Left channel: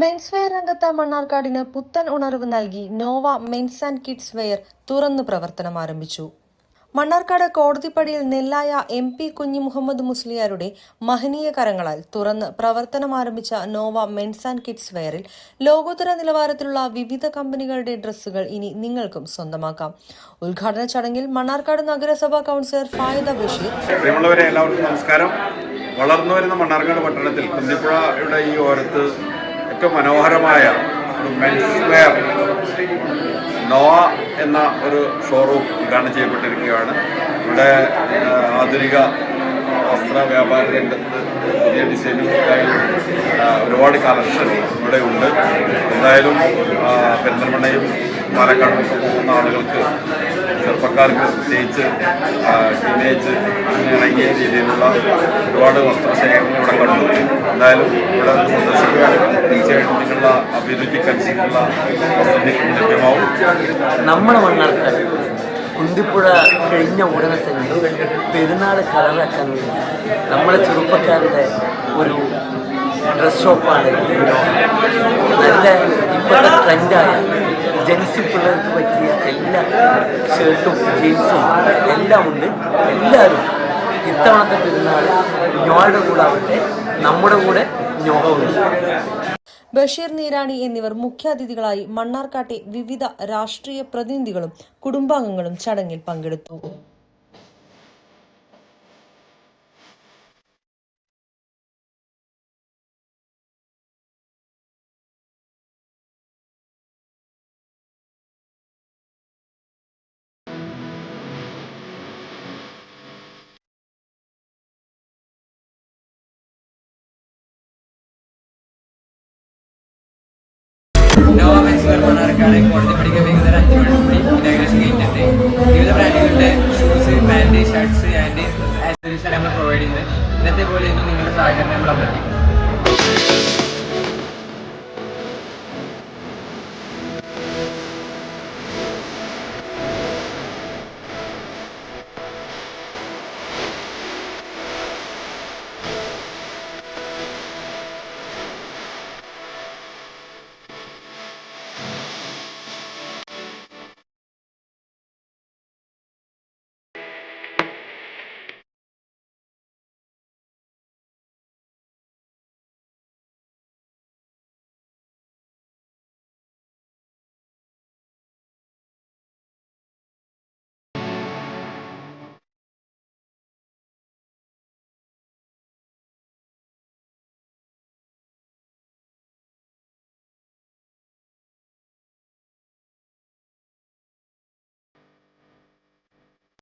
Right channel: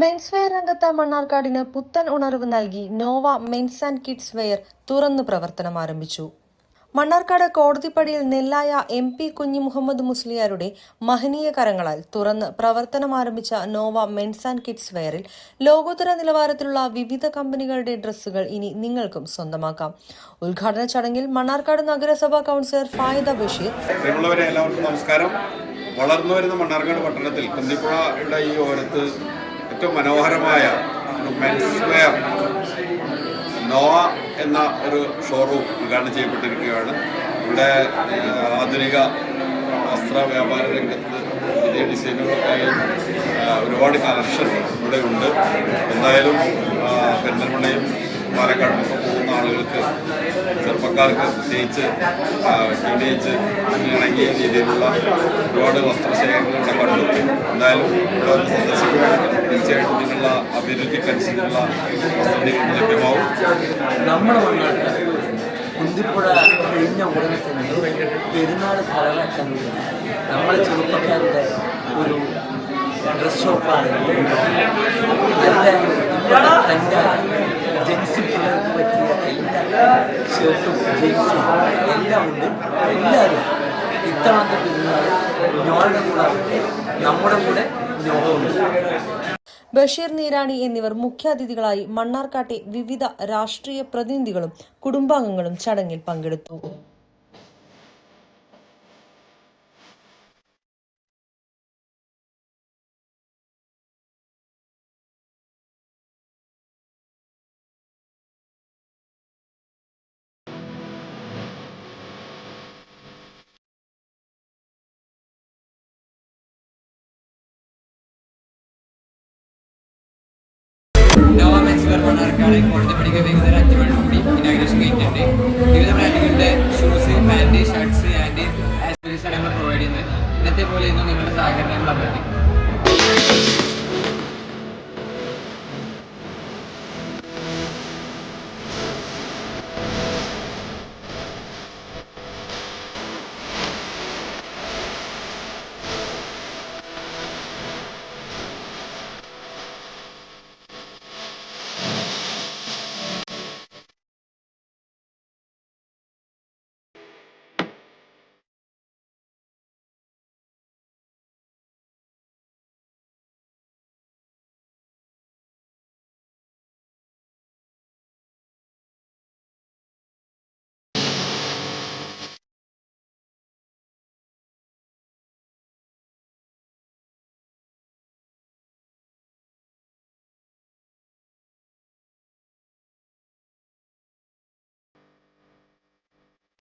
Menswear രംഗത്ത് മണ്ണാർക്കാടിന് പുത്തൻ ഉണർവ് നൽകി Nova men's and kids wear തുറന്ന് പ്രവർത്തനം ആരംഭിച്ചു. മണ്ണാർക്കാട് കോടതിപ്പടിയിൽ നെല്ലായ MP കുഞ്ഞിമുഹമ്മദ് മുസ്ലിയാരുടെ മഹനീയ കരങ്ങളാൽ തുറന്ന് പ്രവർത്തനം ആരംഭിച്ച നോവ മെൻസ് ആൻഡ് കിഡ്സ് വെയറിൽ ലോകോത്തര നിലവാരത്തിലുള്ള വിവിധ കമ്പനികളുടെ ഡ്രസ്സുകൾ ഇനി നിങ്ങൾക്കും സ്വന്തമാക്കാം. ഉദ്ഘാടന ചടങ്ങിൽ മണ്ണാർക്കാട് നഗരസഭാ കൗൺസിലർ ഫായിദ ബഷീർ. എല്ലാവർക്കും നമസ്കാരം. വളർന്നുവരുന്ന മണ്ണാർക്കാട് പട്ടണത്തിൽ കുന്തിപ്പുഴയുടെ ഈ ഓരത്ത് ഏറ്റവും മനോഹരമായ ഒരു മെൻസ് വെയർ നോവ എന്ന ഒരു ഷോറൂം ഉദ്ഘാടനം ചെയ്യപ്പെട്ടിരിക്കുകയാണ്. ഇവിടെ ആധുനിക വസ്ത്ര വ്യാപാര രംഗത്ത് പുതിയ ഡിസൈനുകൾക്കായി ഒരുപാട് കളക്ഷൻ ഇവിടെ ഉണ്ട്. എന്തായാലും പെരിന്തൽമണ്ണയും പാലക്കാടുമൊക്കെ പോകുന്ന ആളുകൾക്ക്, ചെറുപ്പക്കാർക്ക് പ്രത്യേകിച്ച് ടീനേജ് ഇണങ്ങിയ രീതിയിലുള്ള ഒരുപാട് വസ്ത്രശേഖരങ്ങൾ ഇവിടെ കണ്ടു. എന്തായാലും ഇവിടെ ഒന്ന് സന്ദർശിക്കുകയാണെങ്കിൽ തീർച്ചയായിട്ടും നിങ്ങളുടെ അഭിരുചിക്കനുസരിച്ചുള്ള വസ്ത്രങ്ങൾ ലഭ്യമാവും. നമ്മുടെ മണ്ണാർക്കാട് കുന്തിപ്പുഴ കഴിഞ്ഞ ഉടനെ തന്നെ പെരുന്നാൾ കളറാക്കാൻ വേണ്ടി നമ്മളെ ചെറുപ്പക്കാരുടെ ഒരു ഡ്രസ് ഷോപ്പാണ്. നല്ല ഇപ്പോഴത്തെ ട്രെൻഡായ ജെൻസി പിള്ളേർക്ക് പറ്റിയ എല്ലാ ഷർട്ടും ജീൻസും എല്ലാം ഉണ്ട്. എല്ലാവരും ഇത്തവണത്തെ പെരുന്നാൾ ഞോയുടെ കൂടെ ആവട്ടെ, നമ്മുടെ കൂടെ ഞോഹ ഉണ്ട്. ബഷീർ നീരാണി എന്നിവർ മുഖ്യാതിഥികളായി മണ്ണാർക്കാട്ടെ വിവിധ രാഷ്ട്രീയ പ്രതിനിധികളും കുടുംബാംഗങ്ങളും ചടങ്ങിൽ പങ്കെടുത്തു. നോവ മെൻസ് വെയർ മണ്ണാർക്കാട് കോടതിപ്പടിക്ക് വൈകുന്നേരം 5 മണിക്കൂടി ഇനാഗ്രേഷൻ കഴിഞ്ഞിട്ടുണ്ട്. വിവിധ ബ്രാൻഡുകളുടെ ഷൂസ്, പാൻറ്, ഷർട്ട്സ് ആൻഡ് ആക്സസറീസാണ് നമ്മൾ പ്രൊവൈഡ് ചെയ്യുന്നത്. ഇന്നത്തെ പോലെ നിങ്ങളുടെ സഹകരണം നമ്മൾ അഭ്യർത്ഥിക്കുന്നു.